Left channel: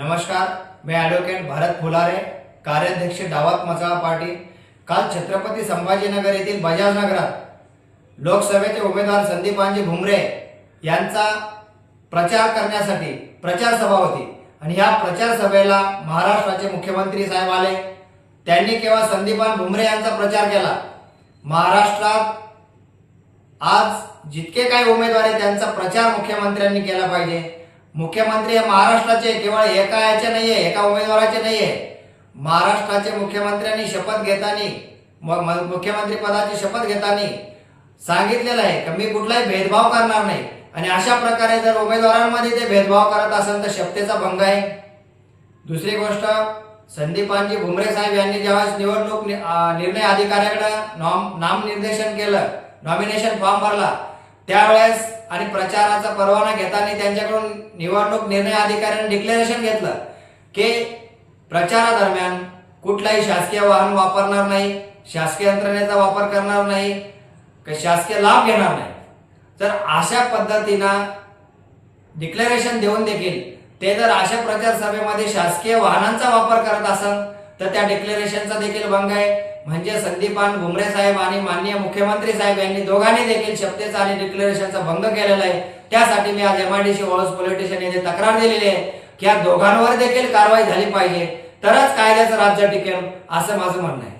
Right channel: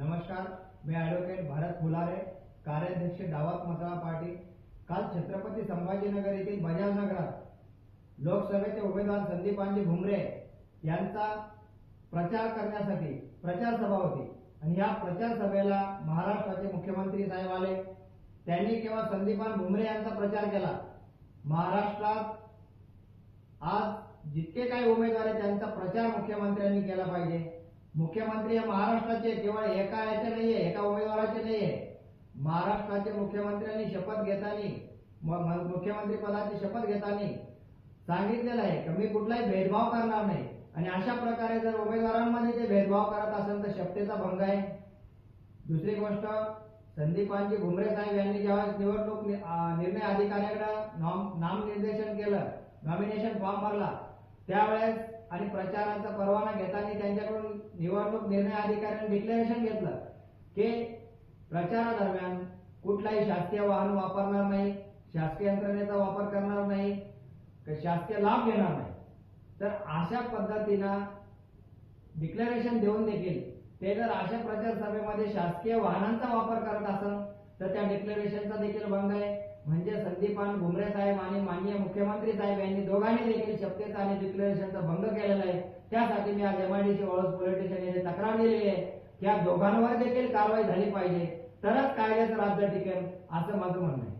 नमस्कार मी ॲडव्होकेट भारत फुलारे कार्याध्यक्ष दावत मसाळा पार्टी काल छत्रपती संभाजीनगर येथील बजाज नगरात लोकसभेचे उमेदवार संदीपांजी भुमरे यांचा प्रचार करण्यासाठी प्रचार सभा होती. आणि ह्या प्रचार सभेला महाराष्ट्राचे मुख्यमंत्री साहेब आले. त्यांनी केवळ संदीपान भुमरे यांचा प्रचार केला. महाराष्ट्रात आज जितके काही उमेदवार आहेत त्यांचा प्रचार मुख्यमंत्र्यांनी केला पाहिजे. मुख्यमंत्री हे महाराष्ट्राचे केवळ एका याचे नाहीये एका उमेदवाराचे नाहीये. महाराष्ट्राचे मुख्यमंत्र्यांनी शपथ घेताना म- मुख्यमंत्री पदाची शपथ घेताना सांगितलेलं आहे की मी कुठलाही भेदभाव करणार नाही. आणि अशा प्रकारे जर उमेदवारांमध्ये ते भेदभाव करत असेल तर शपथेचा भंग आहे. दुसरी गोष्ट संदीपानजी भुमरे साहेब यांनी ज्यावेळेस निवडणूक निर्णय अधिकाऱ्याकडे नॉम नामनिर्देशन केलं नॉमिनेशन फॉर्म भरला त्यावेळेस आणि प्रचाराचा परवाना घेताना त्यांच्याकडून निवडणूक निर्णय अधिकाऱ्याने डिक्लेरेशन घेतलं की प्रचारादरम्यान कुठलाही शासकीय वाहन वापरणार नाही शासकीय यंत्रणेचा वापर करणार नाही शासकीय लाभ घेणार नाही. तर अशा पद्धतीनं डिक्लेरेशन देऊन देखील ते जर अशा प्रचार सभेमध्ये शासकीय वाहनांचा वापर करत असेल तर त्या डिक्लेरेशनचा देखील भंग आहे. म्हणजे संदीपान भुमरे साहेब आणि माननीय मुख्यमंत्री साहेब यांनी दोघांनी देखील शपथेचा आणि डिक्लेरेशनचा भंग केलेला आहे. त्यासाठी मी आज एमआयडीसी ओळस पोलीस स्टेशन येथे तक्रार दिलेली आहे की या दोघांवर देखील कारवाई झाली पाहिजे. तरच कायद्याचं राज्य टिकेल असं माझं म्हणणं आहे.